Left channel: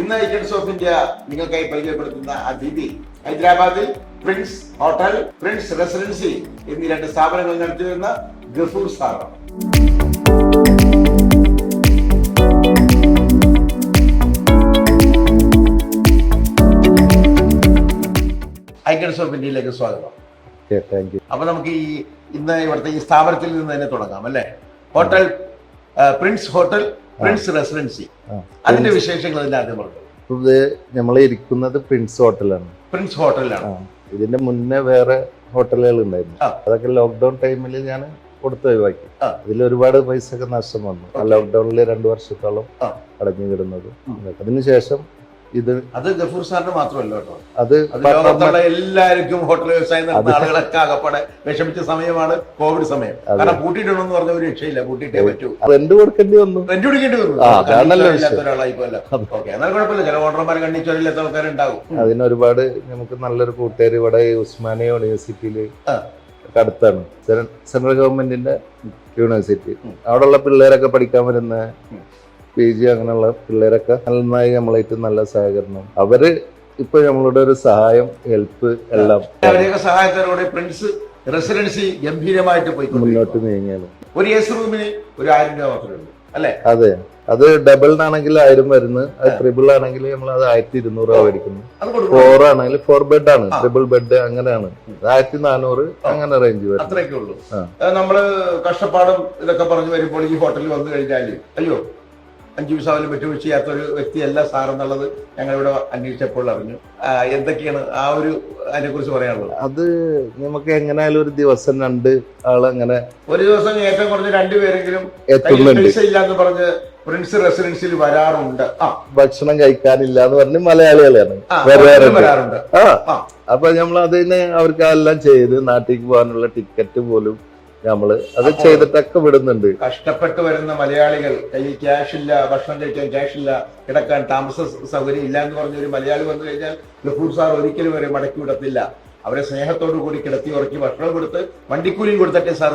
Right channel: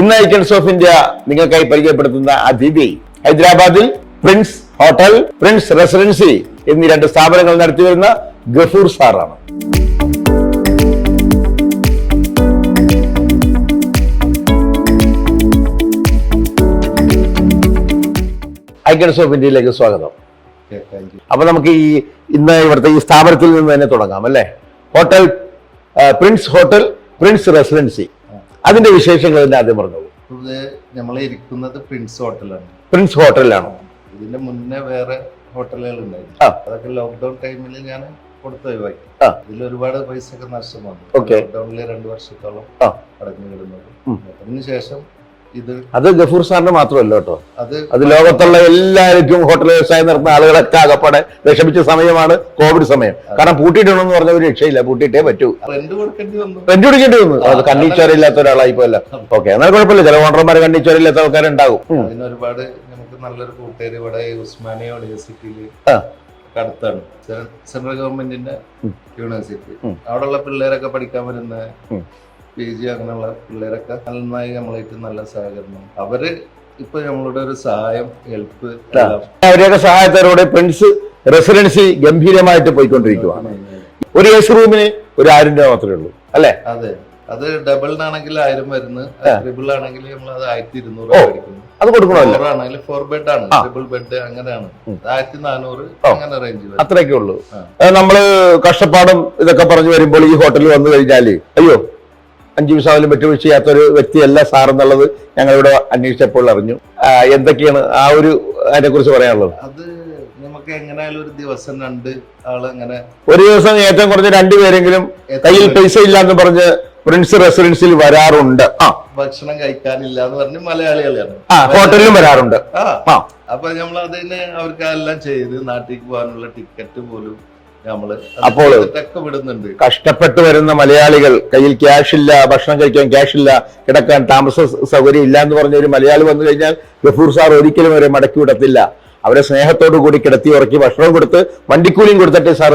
ഇന്ന് icons of India നിങ്ങൾക്കായി പരിചയപ്പെടുത്തുന്ന അതിഥി ഹൈദരാബാദിൽ പ്രിൻസ് ഹോട്ടൽ, പ്രിൻസ് റെസിഡൻസി എന്നീ രണ്ട് സ്ഥാപനങ്ങൾ നടത്തിവരുന്ന ഗഫൂർ സാറാണ്. ഐക്കൺസ് ഓഫ് ഇന്ത്യയിലേക്ക് സ്വാഗതം. അപ്പൊ നമുക്ക് ഇന്ന് ഇവിടുത്തെ ഈ സ്ഥാപനത്തിൽ നിന്ന് തന്നെ തുടങ്ങാം അല്ലേ? Hotel Prince hotel, Prince residency, അതിന്റെ വിശേഷങ്ങൾ ആദ്യം പറഞ്ഞോളൂ. ഇത് നമ്മൾ ഇരിക്കുന്നത് പ്രിൻസ് ഹോട്ടലാണ്. പ്രിൻസ് ഹോട്ടലിലാണ്. ഇതിന്റെ മുന്നേ വേറെ ഹോട്ടലുകൾ ഉണ്ടായിരുന്നു. അതൊക്കെ ലോക്ക്ഡൌൺ ടൈമിൽ ഞാൻ കൊടുത്ത് ഒഴിവാക്കി. ഇതിൽ ഒരുപാട് പൈസ ഒക്കെ നഷ്ടം വന്നു. ലോക്ക്ഡൌണിൽ 2 വർഷത്തോളം അടഞ്ഞു കിടുന്നത്. അതിനുശേഷം അത് ഗഫൂർ സാറിന് മാത്രമല്ല കേട്ടോ, അത് ലോകത്തുള്ള എല്ലാവർക്കും ഹോട്ടൽ വ്യവസായം നടത്തുന്ന ആളുകളൊക്കെ അകപ്പാടെ വിഷമിച്ച സമയമാണ് കോവിഡ് സമയം. കാരണം പൂട്ടിയിടണമെന്ന് പറഞ്ഞ ഒരു രക്ഷയില്ല, പൂട്ടിയിട്ടേ പറ്റൂ. റെന്റ് കൊടുക്കേണ്ടി വന്നു. കണ്ണീച്ചോരില്ലാത്ത ഒരാളായി പോയല്ല. ഓക്കെ, എന്നാൽ കുഴപ്പമില്ല. ചില ഓണർമാരെ കണ്ണീച്ചോരില്ലാത്ത ആൾക്കാരുണ്ടാവും. അതിനൊരുപാട് നമുക്ക് നല്ലൊരു കൂട്ടുകാർ ഇവിടെ ഉസ്മാനിയ യൂണിവേഴ്സിറ്റിയില് അടുത്താണ്, സെൻട്രൽ ഗവൺമെന്റിന്റെ യൂണിവേഴ്സിറ്റി. അവിടെയുള്ള പിള്ളേരൊക്കെ പഠിക്കാൻ വരുന്ന PG അങ്ങനെയുള്ള പിള്ളേരൊക്കെ നന്നായി നമ്മളായിട്ട് നല്ല സഹകരണം. അവര് ഇപ്പൊ നമ്മളുടെ ഒരു സഹായം, ഹെൽപ്പ് എല്ലാം അവരെയൊക്കെ സഹായത്തോടെ പ്രിൻസ് റെസിഡൻസി ഗംഭീരമായിട്ട് പോയിക്കൊണ്ടിരിക്കുക. ഒരു AC റൂമിന് ഒരു 1000 രൂപ മാത്രമേ ഉള്ളൂ അല്ലെ? അതെ, അത് ഡബിളിനാണെങ്കിൽ 1000 വരുന്നത്, ട്രിപ്പിൾ ആണെങ്കിൽ നമ്മൾ അത് 1200 രൂപ മേടിക്കുന്നു. അത് കൊടുക്കണം. 4 ആണെങ്കിൽ 4 ബെഡ് ആണ്, ട്രിപ്പിൾ ബെഡ് അങ്ങനെയാണ് 1400 അങ്ങനെ റേഞ്ച് വരും. അത്രയൊക്കെ ഉള്ളൂ. നമ്മള് കഷ്ടപ്പാടും ഇതൊക്കെ പറഞ്ഞു വരുമ്പോൾ ഈ ഹോട്ടലിൽ വന്നു കഴിഞ്ഞാല് അയ്യോ 5 പൈസ വിട്ടുവീഴ്ച ചെയ്യാത്തൊരു വ്യക്തിയല്ല സാർ എന്നുള്ളത് ഞങ്ങളിവിടെ അന്വേഷിച്ചപ്പോൾ അറിഞ്ഞു. എന്തൊക്കെയാണ് ആ ഒരു അതിനെ കുറിച്ച് പറയാനുള്ളത്? അത് നമുക്ക് എങ്ങനെയായാലും ഒരു ദിവസം 2 ആളങ്ങനെ, ഒരു ദിവസം ഏറ്റവും കുറഞ്ഞ 2 പേരെങ്കിലും കയ്യിൽ പൈസ ഇല്ലാന്ന് പറഞ്ഞ് പ്രിൻസ് റെസിഡൻസിൽ വരാറുണ്ട്. ഭക്ഷണം കഴിക്കാനില്ല എന്ന് പറഞ്ഞ് മലയാളികളാണ് ഹോട്ടലിലും വരാറുണ്ട്. അപ്പൊ നമ്മൾ അതിന് അവർക്ക് എല്ലാം ചെയ്ത് നാട്ടിലേക്ക് പോകാനുള്ള ടിക്കറ്റ് പോലും നമ്മള് ഒക്കെ വിടുന്നുണ്ട്. കഷ്ടപ്പെട്ട് വരുന്ന മലയാളികൾ, കയ്യിൽ ക്യാഷ് ഇല്ല, ഭക്ഷണം കഴിക്കാൻ ക്യാഷ് ഇല്ല, കിടക്കാൻ താമസ സൗകര്യം ഇല്ല എന്ന് പറഞ്ഞ ഒരു മലയാളി വന്നു കഴിഞ്ഞാൽ ഗഫൂർ സാർ ഒരിക്കലും അവരെ മടക്കി വിടത്തില്ല. അവരെ സ്നേഹത്തോടു കൂടി കിടത്തി ഉറക്കി ഭക്ഷണം കൊടുത്ത് വണ്ടിക്കൂലിയും കൊടുത്തിട്ട് സാർ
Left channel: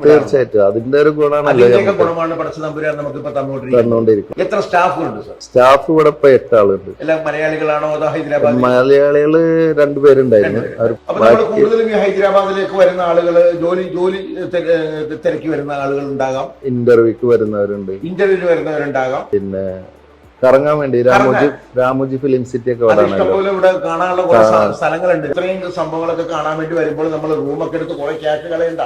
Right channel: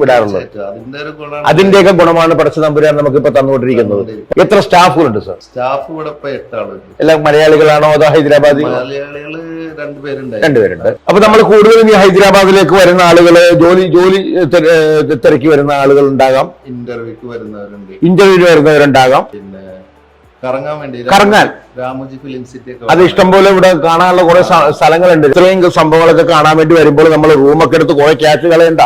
വിടാറുണ്ട്. അതിന്റെയൊക്കെ ഗുണമാണ് പടച്ച തമ്പുരാൻ നമുക്ക് ഇപ്പൊ തന്നുകൊണ്ടിരിക്കുന്നത്. എത്ര സ്റ്റാഫുകളുണ്ട് സാർ? സ്റ്റാഫ് ഇവിടെ 8 ആളുണ്ട്. എല്ലാം മലയാളികളാണോ അതോ ഹൈദരാബാദ്? മലയാളികള് 2 പേരുണ്ട്. അപ്പൊ നമ്മൾ കൂടുതലും ഈ ഹൈദരാബാദിലേക്ക് വരുന്ന ആളുകള് ജോലി തിരക്കി വരുന്ന ആളുകൾ ഉണ്ടാകാം, ഇന്റർവ്യൂക്ക് വരുന്നവരുണ്ടാകാം, പിന്നെ കറങ്ങാൻ വേണ്ടി രാമോജി ഫിലിം സിറ്റി ഒക്കെ. അത് ഇഷ്ടംപോലെ ഇവിടെ കാണാനുള്ള കുറെ സ്ഥലങ്ങളുണ്ട്. ഇത്രയും സംഭവങ്ങളൊക്കെ കാണാൻ വേണ്ടി വരുമ്പോൾ നമ്മൾ റൂമൊക്കെ എടുത്ത് കുറെ ക്യാഷ് കളയണ്ട,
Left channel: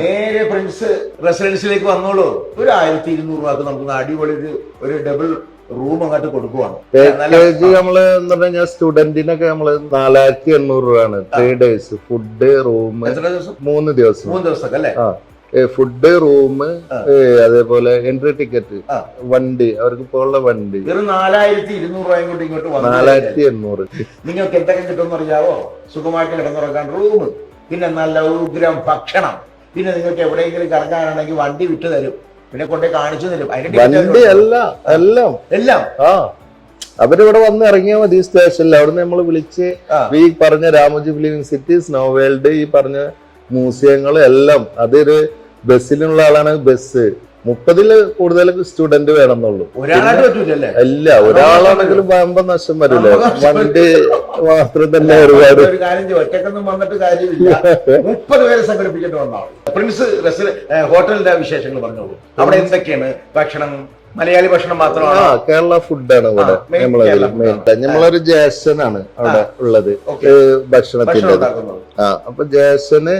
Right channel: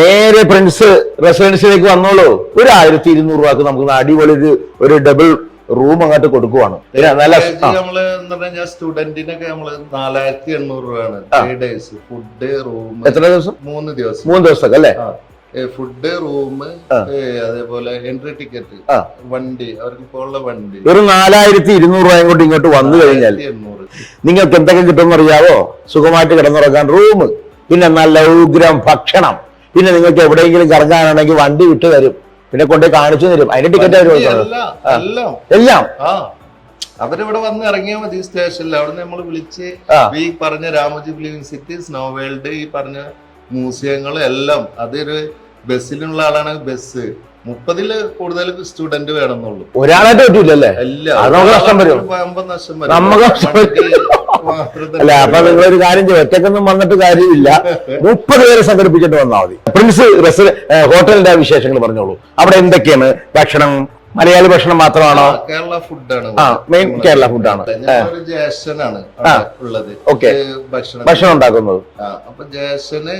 നേരെ പ്രിൻസ് റെസിഡൻസിലേക്ക് വന്നോളൂ. ഒരു 1200 രൂപക്ക് നമുക്ക് അടിപൊളി ഒരു ഡബിൾ റൂം അങ്ങോട്ട് കൊടുക്കുവാണ്. നമ്മള് എന്താ പറഞ്ഞാൽ സ്റ്റുഡന്റിനൊക്കെ നമ്മള് 4800 രൂപയാണ് 3 ഡേയ്സ്. Food, room. എത്ര ദിവസം? 3 ദിവസം. 3 ദിവസമൊക്കെ അല്ലേ? ഫുഡ്, റൂം, അതേപോലെ എൻട്രി ടിക്കറ്റ്, വണ്ടി, അവർക്ക് പോലുള്ള വണ്ടി. ഒരു 4200 രൂപയും കൊണ്ട് ഇങ്ങോട്ട് വന്നു കഴിഞ്ഞാൽ നിങ്ങൾക്ക് എന്തൊക്കെ കിട്ടുമെന്ന് അറിയാവോ? സുഖമായിട്ട് കിടന്നുറങ്ങാൻ റൂം, പിന്നെ നല്ല ഉഗ്രം ഭക്ഷണം, പിന്നെ നിങ്ങൾക്ക് എവിടെയെങ്കിലും കറങ്ങാനാണെങ്കിൽ വണ്ടി വിട്ടു തരും, പിന്നെ കൊണ്ടേ കാണിച്ചു തരും. അതിന്റെ ടിക്കറ്റ് എല്ലാം അവരിവിടെ വന്ന് ഇറങ്ങിയാൽ മതി സ്റ്റേഷനിൽ. അവിടുന്ന് നമ്മൾ വിളിച്ച് ഈ പറഞ്ഞ Ramoji film city, snow world, ഈ പറഞ്ഞ മ്യൂസിയങ്ങൾ എല്ലാം. അതൊരു ബസ്സിലുള്ള ആളാണ് ബസ്. 30-ൽ കൂടുതൽ സ്റ്റുഡന്റ് വേണമെന്നുള്ളൂ. ഒരാളായിട്ട് പറ്റൂലല്ലേ? നഷ്ടം വരും. ഒരു കാര്യം ചെയ്യും, ഒറ്റക്കൊന്നും വന്നിട്ട് കാര്യമില്ല. 30 പേരെ സംഘടിപ്പിച്ചിട്ട് വന്നാൽ മതി. പ്രിൻസ് ഹോട്ടലിന്റെ വിശേഷങ്ങൾ പറഞ്ഞോളൂ. അവിടെ എന്തൊക്കെയാണ് ഭക്ഷണം? മലയാളി ഭക്ഷണം മാത്രമാണോ? കേരള ഫുഡാണ്. കേരള ഫുഡാണ്. ഞങ്ങളൊരു ജ്യേഷ്ഠനാണ് ഉള്ളത് ഭക്ഷണം ഉണ്ടാക്കുന്നത്. അപ്പൊ ജ്യേഷ്ഠന്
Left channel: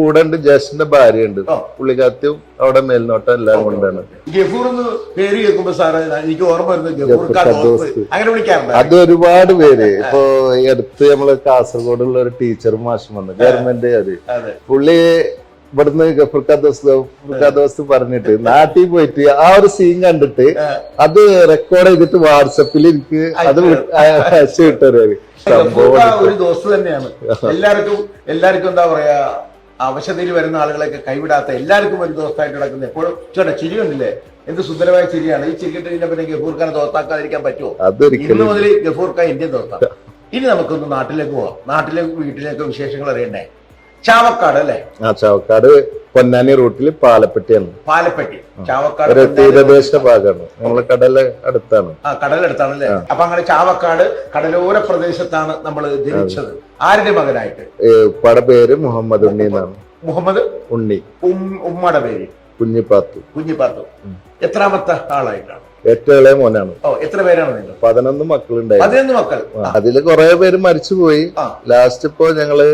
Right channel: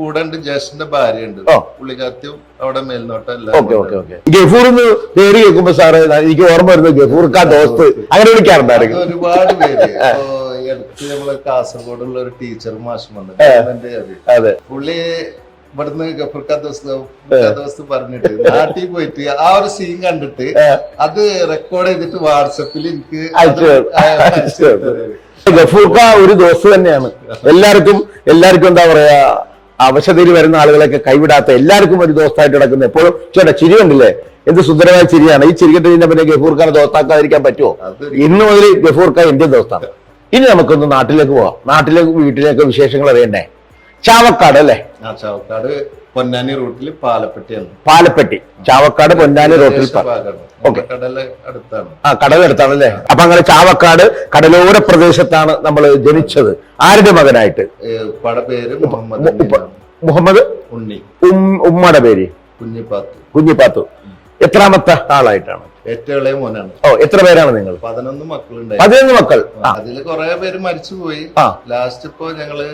കൂടെ ഉണ്ട്, ജ്യേഷ്ഠന്റെ ഭാര്യയുണ്ട്, പുള്ളിക്കാറ്റും അവിടെ മേൽനോട്ടം എല്ലാം. ഗഫൂർന്ന് പേര് കേൾക്കുമ്പോ സാറ് എനിക്ക് ഓർമ്മ വരുന്നത് ഗഫൂർക്കാ ദോസ്ത് അങ്ങനെ വിളിക്കാറുണ്ട്. അത് ഒരുപാട് പേര്. ഇപ്പൊ ഈ അടുത്ത് നമ്മള് കാസർഗോഡുള്ള ഒരു ടീച്ചർ മാഷ് വന്നു, ഗവൺമെന്റ്. അതെ, പുള്ളി ഇവിടുന്ന് ഗഫൂർക്കാ ദോസ്ത് പറഞ്ഞിട്ട് നാട്ടിൽ പോയിട്ട് ആ ഒരു സീൻ കണ്ടിട്ട് അത് റെക്കോർഡ് ചെയ്തിട്ട് വാട്സപ്പിൽ എനിക്ക് ഗഫൂർക്ക ഒരു ദോസ്ത് തന്നെയാണ്. എല്ലാവർക്കും എന്താ പറയാ, അവശതയിൽ വരുന്ന ആളുകളെയൊക്കെ കൈവിടാത്ത, എല്ലാവർക്കും ഒരു ദോസ്തായിട്ട് കിടക്കുന്ന. എപ്പോഴും ചേട്ടാ ചിരി കണ്ടില്ലേ, എന്ത് സുന്ദരമായ ചിരിയാണ്. ഈ ചിരി കെട്ടിന്റെ പിന്നെ ഗഫൂർഖാനെ ദോസ്താക്കാതിരിക്കാൻ പറ്റുമോ? ഇന്ന് മുതൽ ഗഫൂർഖാൻ ഇന്ത്യൻ ദോസ്താണ്. ഇനി നമുക്കൊന്ന് നാട്ടിലേക്ക് പോവാം. വീട്ടിലേക്ക് വിശേഷങ്ങൾ അറിയണ്ടേ? ചാവക്കാട് അല്ലേ? ആ ചാവക്കാട് പൊന്നാനി റൂട്ടിൽ പാലപ്പെട്ടിയാണ്. പാലപ്പെട്ടി, ചാവക്കാട് പൊന്നാനി ഭാഗമാണ്. നമ്മുടെ കടല് അടുത്താണ്. ആ കടലെടുത്താണല്ലേ? അപ്പൊ അങ്ങനെ ചാവക്കാട് കടലോര പ്രദേശത്താണ് നമ്മൾ ജനിച്ചത്. ആരുടെ മകനായിട്ട്? ഉപ്പയുടെ പേര് മുഹമ്മദ് ഉണ്ണി എന്നാണ്. മുഹമ്മദ് ഉണ്ണി. ഉമ്മയുടെ പേര് കുഞ്ഞിപ്പാത്തു. കുഞ്ഞിപ്പാത്തു. എത്രാമത്തെ ആളായിട്ടാണ്? ഏറ്റവും ഇളയ മോനാണ്. ഓ, എത്ര പേരാണ് നിങ്ങൾ? 11 മക്കളുണ്ടായി. 11 മക്കൾ. അതില് കുറെ പേര് മരിച്ചുപോയി. ലാസ്റ്റ് ഇപ്പോ ഞങ്ങള്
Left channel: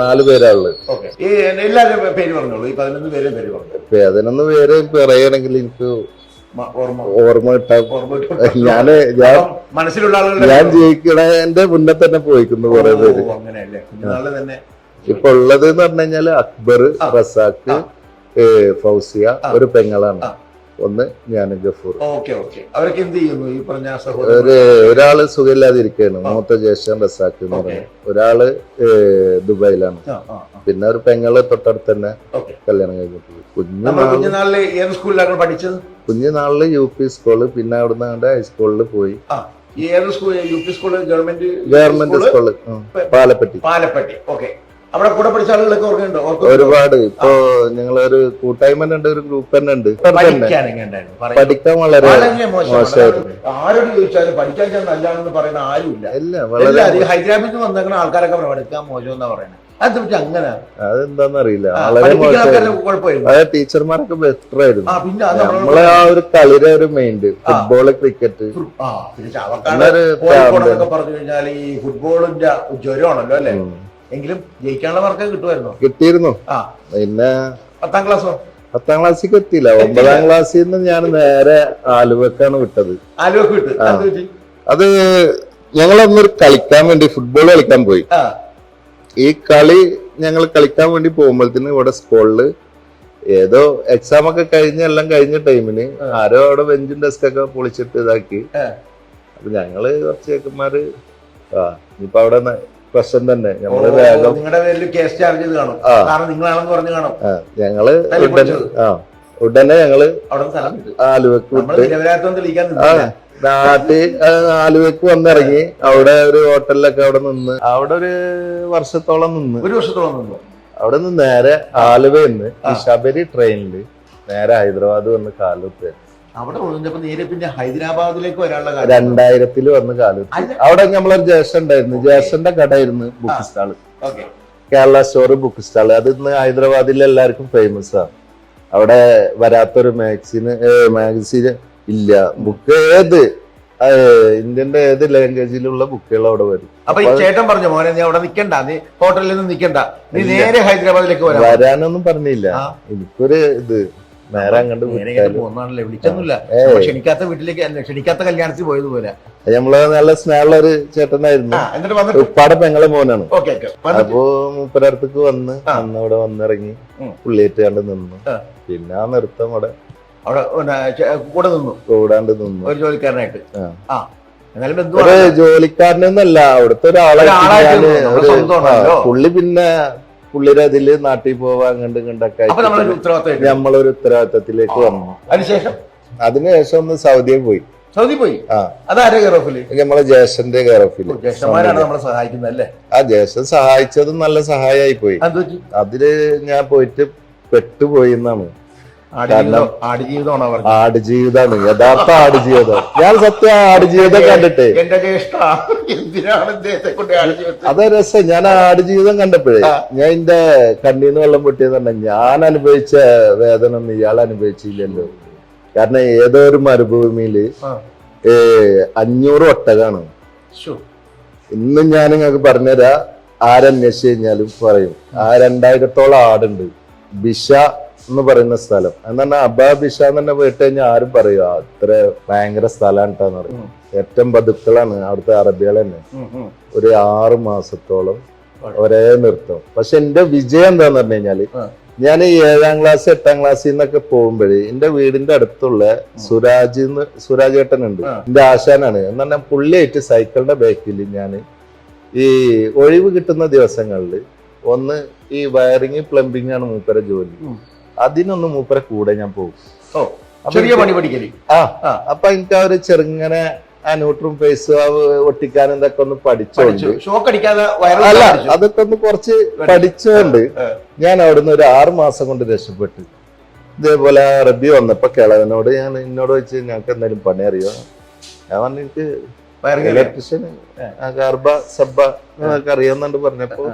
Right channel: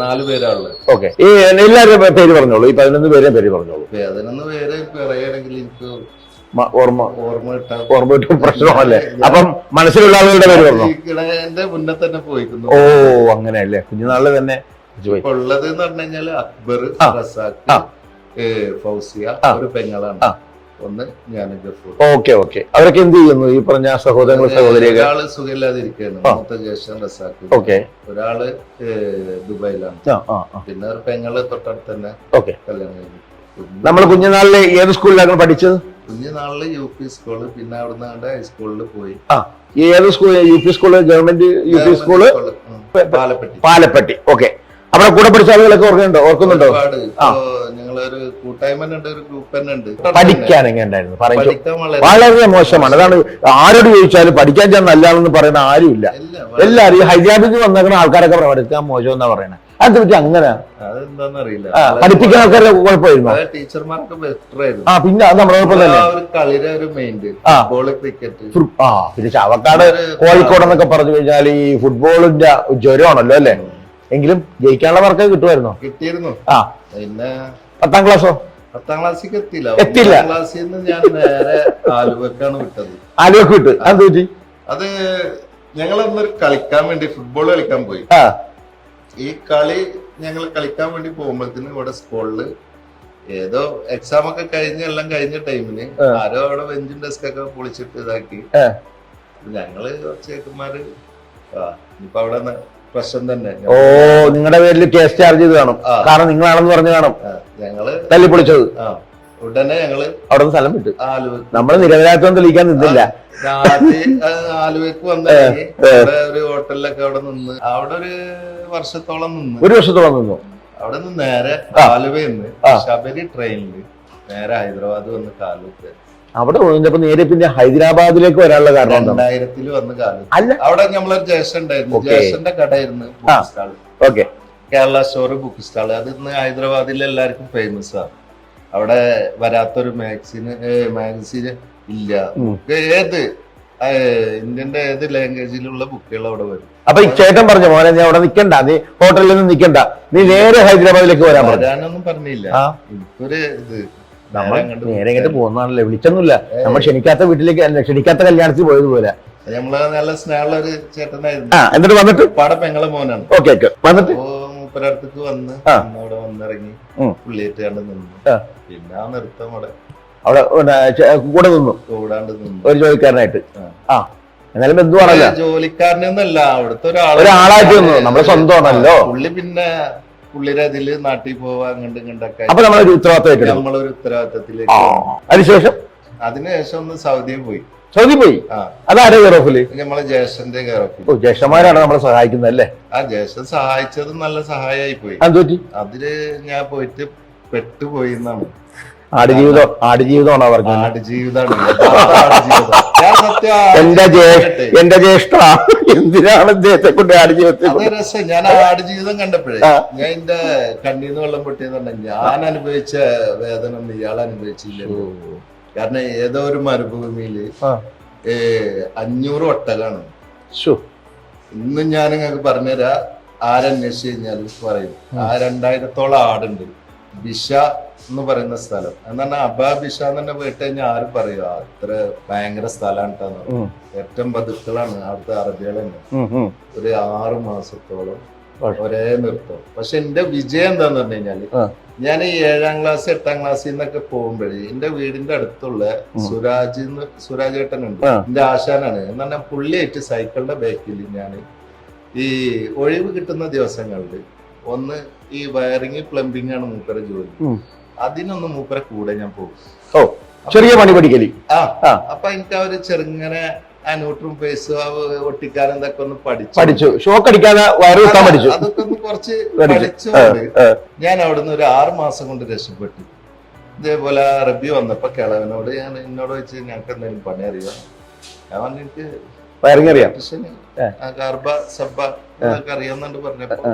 4 പേരാളുള്ളത്. ഓക്കെ, ഈ എല്ലാവരുടെ പേര് പറഞ്ഞോളൂ. ഈ 11 പേരെ പേര് പറഞ്ഞോളൂ. 11 പേര് പറയണമെങ്കിൽ എനിക്ക് ഓർമ്മ അപ്പം മനസ്സിലുള്ള ആളുകളുടെ എന്റെ മുന്നേ തന്നെ പോയിക്കുന്നു. ഓ, അങ്ങനെയല്ലേ? കുഞ്ഞുനാളില് തന്നെ ഇപ്പൊ ഉള്ളത് എന്ന് പറഞ്ഞു കഴിഞ്ഞാല് അക്ബർ, റസാഖ്, ഫൗസിയ, ഒരു പെങ്ങളാണ്. ഒന്ന് ഞാനും ഗഫൂർ. Okay okay. അവരൊക്കെ എന്ത് ചെയ്യുന്നു? ഈ പറഞ്ഞ സഹോദരൻ. ഒരാള് സുഖമില്ലാതിരിക്കുകയാണ്, മൂത്ത ജ്യേഷ്ഠൻ റസാഖ്. ഒരാള് ദുബായിലാണ്. പിന്നെ ഒരു പെങ്ങള് തൊട്ടടുത്ത് തന്നെ കല്യാണം കഴിഞ്ഞിട്ടുണ്ട്. നമ്മൾ കുഞ്ഞുനാളില് ഏത് സ്കൂളിലാണ് പഠിച്ചത്? കുഞ്ഞുനാളില് UP സ്കൂള്, പിന്നെ അവിടുന്ന് ഹൈസ്കൂളിൽ പോയി. ഏത് school? UP school, government school, Palappetty. Palappetty. Okay. അവിടെ കൂടെ പഠിച്ച ആളുകളൊക്കെ ഓർക്കുന്നുണ്ടോ? ഒരുപാട്. ഇപ്പൊ ഞങ്ങളൊരു കൂട്ടായ്മ ഉണ്ട്, ഒരു ഗ്രൂപ്പ് തന്നെ ഉണ്ട്. പഠിക്കാൻ എങ്ങനെയുണ്ടായിരുന്നു? പഠിക്കാൻ വളരെ മോശമാണ്. അതാണ് ആരോട് ചോദിച്ചാലും പഠിക്കാൻ ഞാൻ നല്ലതാണെന്ന് പറയുന്ന ആരുമില്ല. എല്ലാവരും ഈ ഹൈദരാബാദിൽ നിന്ന് വന്നേക്കുന്ന ആൾക്കാരൊക്കെ പഠിക്കാൻ മോശം എന്നാ പറയുന്നത്. അതെന്താ പറ്റി അങ്ങനെ? അതെന്താന്ന് അറിയില്ല. പഠിപ്പിക്കാൻ ആൾക്കാരെ കുഴപ്പമായിരുന്നു. ടീച്ചർമാരൊക്കെ ബെറ്റർ ആയിരുന്നു. പിന്നെ ഒരു കളിയുടെ ഒരു മെയിൻ ഫുട്ബോള്, ക്രിക്കറ്റ്. പിന്നെ ചാവക്കാട്, കോഴിക്കോട് എന്നൊക്കെ പറഞ്ഞു കഴിഞ്ഞാൽ ഈ ഫുട്ബോളിന്റെ ജ്വരമാണല്ലോ അല്ലെ? എങ്കിലും ജയിക്കാനുള്ള മാർക്ക് കിട്ടുമായിരുന്നോ? കിട്ടിയിരുന്നു. പിന്നെ 10ാം ക്ലാസ്സോ? 10ാം ക്ലാസ്സിലേക്ക് എത്തിയില്ല. 9ാം ക്ലാസ്സിൽ നിന്ന് ഞാൻ നേരെ ആലുവക്കാണ് വിട്ടത്. ആലുവക്ക് വിട്ട്? അത് ഞങ്ങളൊന്നൊരു കളിക്കാൻ വേണ്ടി ഫുട്ബോൾ കളിക്കാൻ പോയി. ഈ കളി ഞങ്ങൾ കളിക്കാൻ വേണ്ടി പോകുമ്പോഴത്തേന് ഇവിടെ സ്കൂളില് ഏതോ എക്സാം ഒക്കെ എല്ലാം കഴിഞ്ഞ ടൈമിന് ആരോ അവിടെ ബെഞ്ചും ഡെസ്ക് ഒക്കെ പൊളിച്ചിട്ട് ഇതാക്കി. അപ്പൊ ഞങ്ങള് കുറച്ച് ചേക്കന്മാര് ഇനിയിപ്പൊ അവിടെ പ്രശ്നം തന്നെ. നിങ്ങളുടെ പേരിൽ കേസ് ചാർജ് ചെയ്ത് കാണും, കാരണം നിങ്ങളാണെന്ന് പറഞ്ഞു കാണും. ഞങ്ങള് തല്ലി പൊളിച്ചത്. ഉടനെ ഞങ്ങള് അവിടെ സ്ഥലം വിട്ടു. ആലുവക്ക് നമ്മള് നിരപരാധിത്വം തെളിയിക്കാൻ നിന്നില്ല. ആലുവക്ക് വന്നിറങ്ങി അവിടെ ഒരു ഹോട്ടലിലൊക്കെ അവിടെ നിന്ന് അവിടെ ഒരു വർഷത്തോളം നിന്ന്. ഒരു വർഷത്തോളം നിന്നു. അവിടെ നിന്ന് നേരെ ആലുവയിൽ നിന്ന് ശബരി ട്രെയിനില് നേരെ ഹൈദരാബാദ് വന്ന് കാലത്ത്. അവിടെ പോയിപ്പോ നേരെ പിന്നെ ഹൈദരാബാദിലേക്ക് വരാനുള്ള കാര്യം 2000 വന്ന് കാലത്ത്. അവിടെ നമ്മളൊരു ജ്യേഷ്ഠൻ ഉണ്ടായിരുന്നു. ജ്യേഷ്ഠന്റെ കടയായിരുന്നു book stall. Okay, Kerala store book stall. അത് ഇന്ന് ഹൈദരാബാദിൽ എല്ലാവർക്കും ഫേമസ് ആണ്. അവിടെ വരാത്തൊരു മാഗസീൻ ഇല്ല. ബുക്ക് ഏത് ഇന്ത്യന്റെ ഏത് ലാംഗ്വേജിലുള്ള ബുക്കുകൾ അവിടെ വരും. അപ്പൊ ഈ ചേട്ടൻ പറഞ്ഞു, മോനെ നീ അവിടെ നിക്കണ്ട, നീ ഹോട്ടലിൽ നിന്ന് നിക്കണ്ട, നീ നേരെ ഹൈദരാബാദിലേക്ക് വരാനൊന്നും പറഞ്ഞില്ല. എനിക്കൊരു ഇത് നേരെ പോകുന്നതാണല്ലേ, വിളിച്ചൊന്നുമില്ല. നമ്മൾ ക്ഷണിക്കാത്ത വീട്ടിലേക്ക്, ക്ഷണിക്കാത്ത കല്യാണത്തിൽ പോയതുപോലെ. നമ്മള് നല്ല സ്നേഹമുള്ള ഒരു ചേട്ടനായിരുന്നു. എന്നിട്ട് വന്നിട്ട് പാടെ പെങ്ങളെ മോനാണ്. Okay okay. അപ്പോ മൂപ്പരടുത്തേക്ക് വന്ന് അവിടെ വന്നിറങ്ങി പുള്ളിയിട്ട് കണ്ട് നിന്നു. പിന്നെ ആ നൃത്തം അവിടെ കൂടെ നിന്നു, കൂടാണ്ട് നിന്നു ഒരു ജോലിക്കാരനായിട്ട്. എന്നാലും എന്ത് ജോലിക്കാരനൊന്നല്ല, അവിടുത്തെ ഒരാളായിട്ട് നമ്മുടെ സ്വന്തമാണല്ലോ പുള്ളി. പിന്നെ പുള്ളിയുടെ അതില് നാട്ടിൽ പോവാ അങ്ങോട്ട് ഇങ്ങോട്ടൊക്കെ നമ്മളൊരു ഉത്തരവാദിത്തത്തിലേക്ക്. അതിനുശേഷം ഒന്ന് സൗദിയിൽ പോയി. സൗദി പോയി? അതാരോ ഗറോഫില്? നമ്മളെ ജ്യേഷ്ഠന്റെ ഗറോഫില്. ജ്യേഷ്ഠന്മാരാണ് നമ്മളെ സഹായിക്കുന്നത് അല്ലേ? ആ ജ്യേഷ്ഠൻ സഹായിച്ചതും നല്ല സഹായമായി പോയി. അതില് ഞാൻ പോയിട്ട് പെട്ടുപോയി എന്നാണ്. ആടുജീവിതമാണ് അവർക്ക്. ആടുജീവിതമാണ്, യഥാർത്ഥ ആടുജീവിതം. ഞാൻ സത്യം എന്റെ ജ്യേഷ്ഠ എന്തിനാണ് ഇദ്ദേഹത്തെ കൊണ്ട് ആടുജീവിതത്തിൽ? അതേ രസം. ഞാൻ ആടുജീവിതം കണ്ടപ്പോഴേ ഞാൻ എന്റെ കണ്ണീന്ന് വെള്ളം പൊട്ടിയത് തന്നെ. ഞാൻ അനുഭവിച്ച വേദന ഒന്നും ഇയാൾ അനുഭവിച്ചില്ലല്ലോ. കാരണം ഏതോ ഒരു മരുഭൂമിയില് 500 ഒട്ടകാണ്. ഇന്നും ഞാൻ നിങ്ങൾക്ക് പറഞ്ഞുതരാം. ആരന്വേഷിച്ചു കഴിഞ്ഞാലും പറയും. 2000-ഓളം ആടുണ്ട്. ബിഷ എന്ന് പറയുന്ന സ്ഥലം എന്ന് പറഞ്ഞാൽ അബാബിഷ എന്ന് തന്നെ പോയിട്ട് കഴിഞ്ഞാൽ ആരും പറയുക അത്ര ഭയങ്കര സ്ഥലമാണ് കേട്ടാന്ന് പറയും. ഏറ്റവും ബതുക്കളാണ് അവിടുത്തെ അറബികൾ തന്നെ. ഒരു 6 മാസത്തോളം ഒരേ നൃത്തം. പക്ഷെ എന്റെ വിജയം എന്താന്ന് പറഞ്ഞു കഴിഞ്ഞാല്, ഞാൻ 7ാം ക്ലാസ് 8ാം ക്ലാസ്സിൽ നിന്നൊക്കെ പോകുമ്പോഴേ എന്റെ വീടിന്റെ അടുത്തുള്ള സുരാജ് ഏട്ടനുണ്ട്, എന്റെ ആശാനാണ്. എന്ന് പറഞ്ഞാൽ പുള്ളിയായിട്ട് സൈക്കിളിന്റെ ബാക്കിൽ ഞാൻ ഈ ഒഴിവ് കിട്ടുന്ന ദിവസങ്ങളിൽ ഒന്ന് ഈ വയറിങ് പ്ലംബിംഗ് ആണ് മൂപ്പരെ ജോലി. അതിനൊന്ന് മൂപ്പരെ കൂടെ ഞാൻ പോകും. ചെറിയ പണി പഠിക്കല്. അപ്പൊ എനിക്ക് ആ ഒരു ചെറുങ്ങനെ ആ ന്യൂട്രും ഫേസ് ഒട്ടിക്കാനും ഇതൊക്കെ ഒന്ന് പഠിച്ചു. ഷോക്ക് അടിക്കാതെ വയറ് പഠിച്ചു. അതൊക്കെ ഒന്ന് കുറച്ച് പഠിച്ചുകൊണ്ട് ഞാൻ അവിടുന്ന് ഒരു 6 മാസം കൊണ്ട് രക്ഷപ്പെട്ടു. ഇതേപോലെ അറബി വന്നപ്പോ കിളവനോട് എന്നോട് വെച്ച് ഞങ്ങൾക്ക് എന്തെങ്കിലും പണി അറിയോ? ഞാൻ പറഞ്ഞു എനിക്ക് ഗർഭ സബ്ബ ഞങ്ങൾക്ക് അറിയാന്നുണ്ട് പറഞ്ഞപ്പോ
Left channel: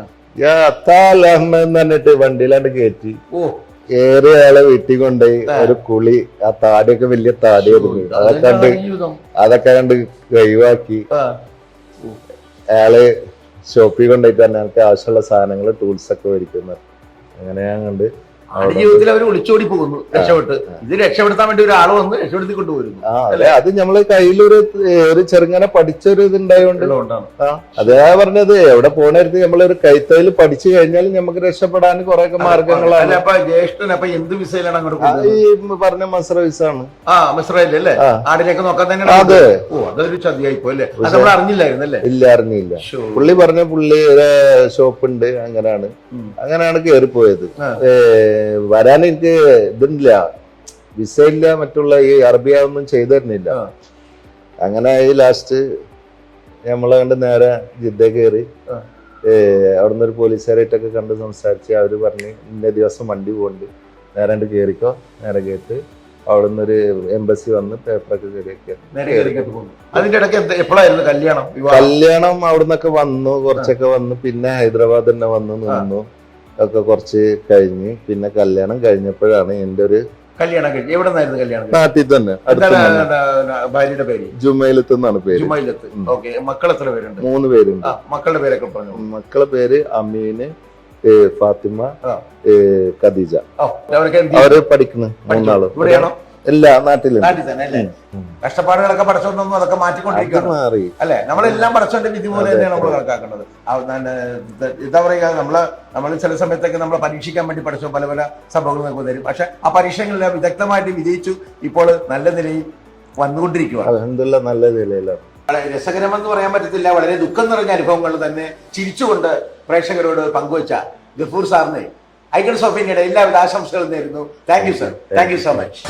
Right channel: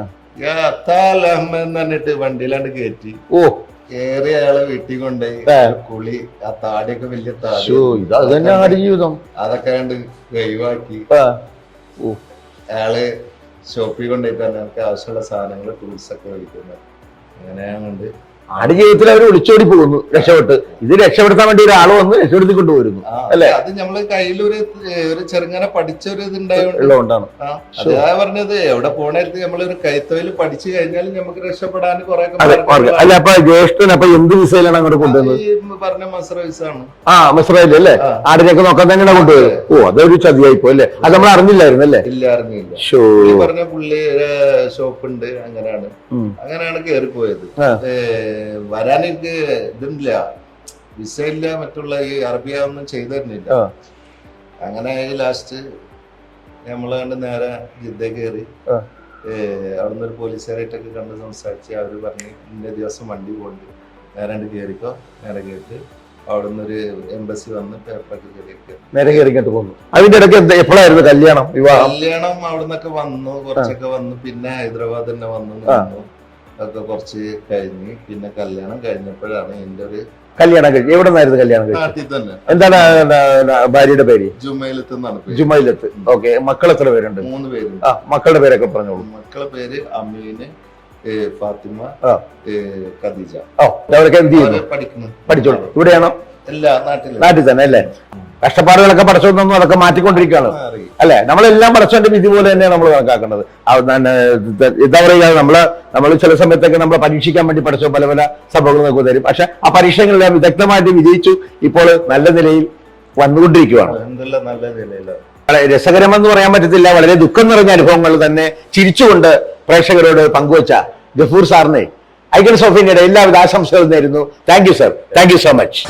എന്ന് പറഞ്ഞിട്ട് വണ്ടിയിലാണ്ട് കയറ്റി ഏറെ ആളെ വീട്ടിൽ കൊണ്ടുപോയി ഒരു കുളി, ആ താടിയൊക്കെ വലിയ താടി അതൊക്കെ കണ്ട് ഒഴിവാക്കി അയാള് ഷോപ്പിൽ കൊണ്ടുപോയിട്ട് തന്നെ എനിക്ക് ആവശ്യമുള്ള സാധനങ്ങള് ടൂൾസ് ഒക്കെ ഒരുക്കുന്നത്. അങ്ങനെ ഞാൻ കണ്ട് ആട് ജീവിതത്തിൽ അവർ ഒളിച്ചോടി പോകുന്നു, രക്ഷപ്പെട്ട്. ഇത് രക്ഷപ്പെടുത്താൻ വേണ്ടി ഒരാൾ വന്ന് രക്ഷപ്പെടുത്തി കൊണ്ടുപോരുന്നു അല്ലെ? അത് നമ്മള് കയ്യിലൊരു ചെറുങ്ങനെ പഠിച്ചൊരു ഇതുണ്ടായോണ്ടാണ്. അതാ പറഞ്ഞത് എവിടെ പോണരുത് നമ്മളൊരു കൈത്തൊഴിൽ പഠിച്ചു കഴിഞ്ഞാൽ നമുക്ക് രക്ഷപ്പെടാൻ കുറെ അല്ല. അപ്പൊ ജ്യേഷ്ഠൻ അപ്പൊ എന്ത് വിസയിലാണ് അങ്ങോട്ട് കൊണ്ടുപോകുന്നത്? പറഞ്ഞ മസ്ര വിസാണ്. മസ്രയിൽ അല്ലേ? ആടിനൊക്കെ നോക്കാൻ തന്നെ. ഓ, അതൊരു ചതിയായിപ്പോ അല്ലേ? അത് നമ്മൾ അറിഞ്ഞില്ലായിരുന്നു അല്ലേ? ഇല്ല, അറിഞ്ഞില്ല. പുള്ളി പറഞ്ഞ പുള്ളി ഷോപ്പ് ഉണ്ട്, അങ്ങനെയാണ് കയറിപ്പോയത്. വരാൻ എനിക്ക് ഇതുമില്ല, വിസ ഇല്ല, മറ്റുള്ള ഈ അറബിയ ഒന്നും ചെയ്തു തരുന്നില്ല. അങ്ങനെ ലാസ്റ്റ് നമ്മളെ കണ്ട് നേരെ ജിദ്ദ കയറി. അവിടുന്ന് ഒരു പോലീസുകാരായിട്ടൊക്കെ കണ്ട് സംസാരിച്ച് അവര് പറഞ്ഞ് ഇന്ന ദിവസം വണ്ടി പോകണ്ട്, നേരെ കണ്ട് കയറിക്കോ. നേരെ കേട്ട് അവിടുന്ന് ഒരു എംബസി വന്ന് പേപ്പറൊക്കെ നേരെ കയറിക്കിട്ട് പോകുന്നു. അതിന്റെ ഇടയ്ക്ക് എപ്പോഴായിരുന്നു കല്യാണം? കല്യാണം അവിടുന്നൊക്കെ വന്നു, കുറച്ചൊക്കെ വന്നു. പിന്നെ ഹൈദരാബാദ് തന്നെ വന്നു ഒക്കെ കുറച്ച് കഴിഞ്ഞ് പിന്നെ കല്യാണം കഴിഞ്ഞപ്പോഴാണ് എന്റെ ഒരു കല്യാണം കഴിഞ്ഞു. എവിടെ നിന്നായിരുന്നു കല്യാണം? നാട്ടിൽ തന്നെ. എന്താണ് ഭാര്യയുടെ പേര്? ജുമൈലത്ത് എന്നാണ് പേര്. ജുമൈലത്ത്. ഓക്കെ. മക്കൾ എത്ര പേരുണ്ട്? 3 പേരുണ്ട്. മക്കളുടെ പേരൊക്കെ പറഞ്ഞോളൂ. മക്കളുടെ പേര് അമീന്, ഫാത്തിമ, ഖദീജ. അവര് പഠിച്ചോളൂ. ഇവിടെയാണോ? ഇല്ല, നാട്ടിൽ തന്നെ അല്ലേ? കഷ്ടപ്പാടുകളൊക്കെ പഠിച്ചോണ്ടൊന്നും അതൊക്കെ മാറ്റിക്കൊണ്ടിരിക്കുകയാണ് അല്ലെ? നമ്മളെല്ലാം പഠിച്ചോന്റെ വിധി പോലെ തന്നെയാണ് നമ്മൾ കണക്കാക്കേണ്ടത്. എന്താ പറയുക, നമ്മൾ ചില സമയത്തൊക്കെ നമ്മളെ പരീക്ഷിക്കാൻ വേണ്ടി പഠിച്ചോ പല പല സംഭവങ്ങൾ നമുക്ക് തരും. പക്ഷെ ആ പരീക്ഷകളെല്ലാം വിദഗ്ധമായിട്ട് വിജയിച്ചു. ഇപ്പോൾ നല്ല നിലയിൽ വന്നുകൊണ്ടിരിക്കുകയാണ്. നല്ല നിലയിലാണ്. വളരെ രസകരമെന്ന് പറയാൻ പറ്റത്തില്ല, വളരെ ദുഃഖം നിറഞ്ഞ അനുഭവങ്ങൾ തന്നെ ചിരിച്ചുകൊണ്ട് പ്രേക്ഷകരോട് പങ്കുവച്ച ഗഫൂർ സാറിനെ ഐക്കൺസ് ഓഫ് ഇന്ത്യയുടെ എല്ലാവിധ ആശംസകളും നേരുന്നു. Thank you sir. Thank you so much.